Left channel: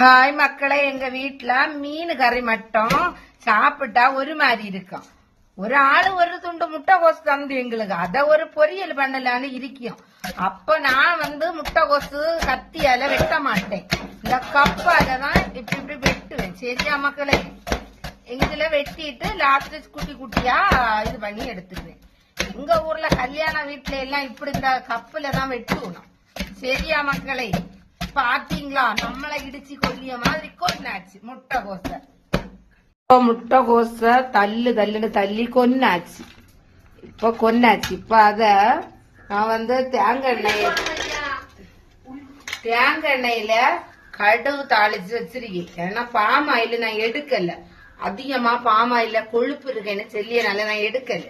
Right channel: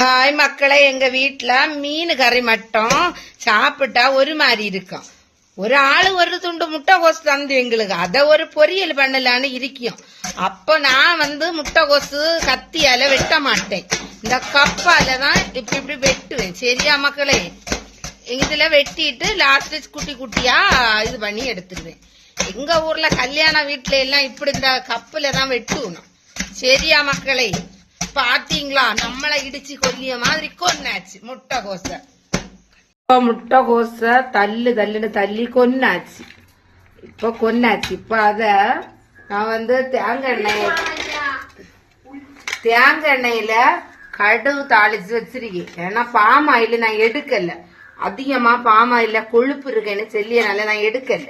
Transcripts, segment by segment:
Hi மக்களே, எங்க வீட்டுல மீன் கறி மட்டும் சாப்பிட்டா ஒரு மாதிரி இருக்கும். ஒரு ஆளு ஒரு துண்டு முட்டைகோசு தந்து எங்களுக்கு அதை ஒரு பொரியல் பண்ணலான்னு இருக்கும். அப்ப நான் முட்டைகோசு கத்தியால வெட்ட மாட்டேன், இந்த கப்பால தான் இப்படி இப்படி வெட்டுவேன். சரியா மக்களே? இதுல வெட்டிட்டு லாஸ்ட் குட்டி குட்டியா இது பண்ணி எடுத்துருவேன். எங்க ஊர்ல கல்யாண வீட்டுல எல்லாம் இப்படி இந்த கப்புல தான் வெட்டுவோம். சரியா மக்களே? பாத்தீங்களா, நம்மள இடிச்சு கொல்லிய மாதிரி கொன்னாச்சு முட்டைகோச. முட்டைகோச தள்ளுன்னு தள்ளி கொன்னாச்சு. இப்ப கொன்னாச்சு. இப்ப அத நான் தேங்காய் எண்ணெயில கடுகு தாளிச்சு வச்சிருக்கேன். ஏன்னா பாம் ஆயில் நான் எடுக்கல, அதிகமா பாம் ஆயில கொழுப்பு இருக்கேன்னு சொல்லியனால நான் எடுக்கல.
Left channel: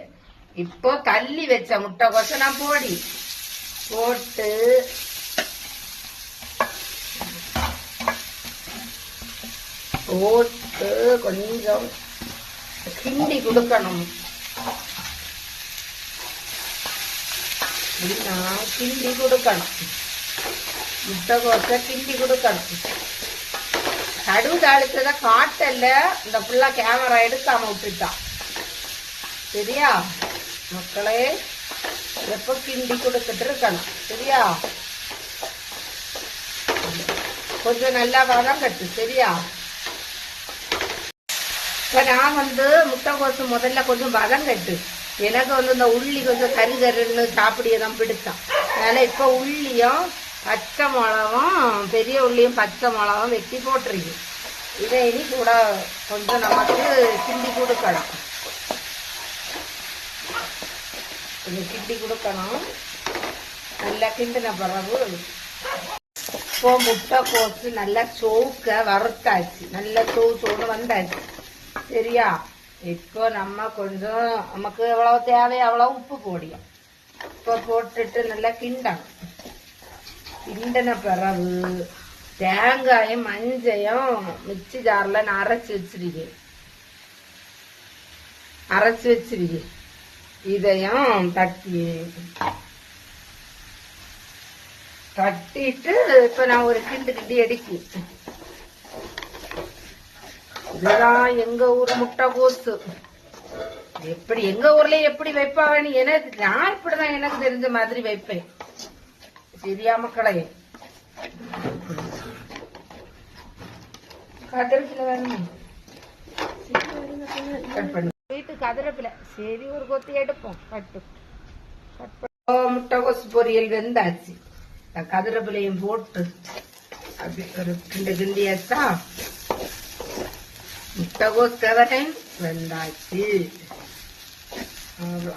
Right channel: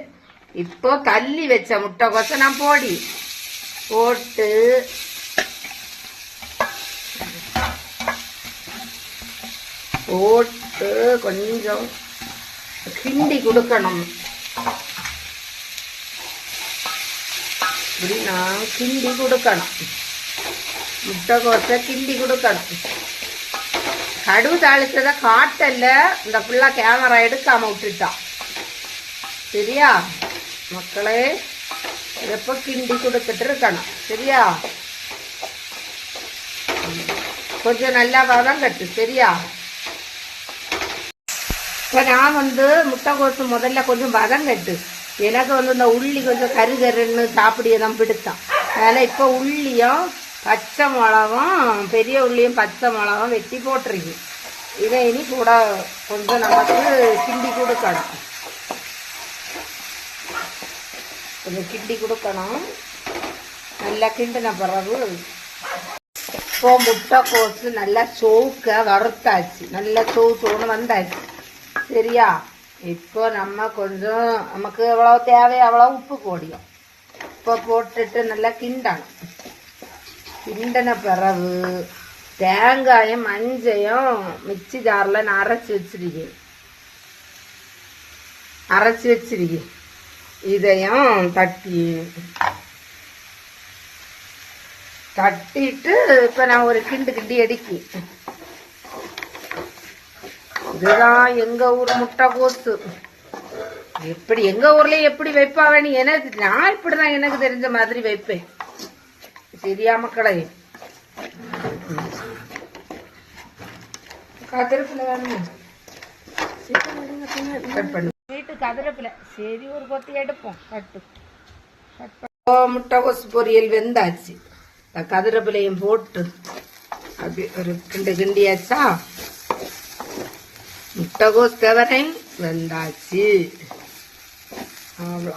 இப்போ தள்ளி வச்ச முட்டைகோச நான் போட்டு கொஞ்சம் கிண்டி கொடுக்கணும். கிண்டி கொடுக்கணும், முட்டைகோச கிண்டி கொடுக்கணும். கடுகு தாளிச்சத காட்டல, இந்த ஃபுல்லா கேமரா எடுக்காம விட்டுட்டான். சரியா மக்களே? எப்ப கிண்டி கொடுத்துட்டு இருக்கணும். சரியா? கொஞ்சம் நல்லா வதம் கட்டு. சரியா? இப்ப நான் முட்டைகோசு முதல்ல கொஞ்சம் வதம் கட்டு. எனக்கு இந்த உள்ளி கொஞ்சம் கருன்னு சாப்பிடியதான் பிடித்தான். அதனால இப்ப உள்ளியும் பச்சை மிளகும், பெரிய உள்ளியும் பச்சை மிளகும் வெட்டி போட்டிருக்கு. இதை இனி கூட கொஞ்சம் நமக்கு கிண்டி கொடுக்கணும். கொஞ்சம் கிண்டி கொடுக்கணும். நல்லா கிண்டின பிறகு இப்போ முட்டைகோசு நல்லா சோக்க வறுத்தாச்சு. நல்லா சோன்னு வந்தாச்சு. சரியா? இப்போ நம்ம கொஞ்சம் நமக்கு எவ்வளவு தேவையோ அவ்வளவு உப்பு போடியும். இப்போ போட்டுட்டு நல்லா கிண்டணும். கிண்டின பிறகு தேங்காயும் மஞ்சையும் மிக்சி ஜார்ல நான் அரைச்சி வச்சிருக்கேன். இதையும் தட்டிட்டு இப்ப நான் ஒரு கிண்டி எடுக்கி. இதுதான் எங்க ஊர் முட்டைகோசு. எப்படி எங்க ஊர்ல எப்படி வைப்பாங்க எனக்கு, நான் இப்படிதான் எனக்கு தெரிஞ்ச மாதிரி வைப்பேன். சரியா மக்களே? கதிரப்பில வேணும், வீட்டு கதிரப்பில. சரி, ஒரு கொத்தி எடுப்போம். முட்டைகோசு பொரியல் வெந்தாச்சு. கதிரப்பிலையும் போட்டு அப்படி ஒரு கிண்டியாச்சா. முட்டைகோஸ் வெந்தாச்சு. அவ்வளோ.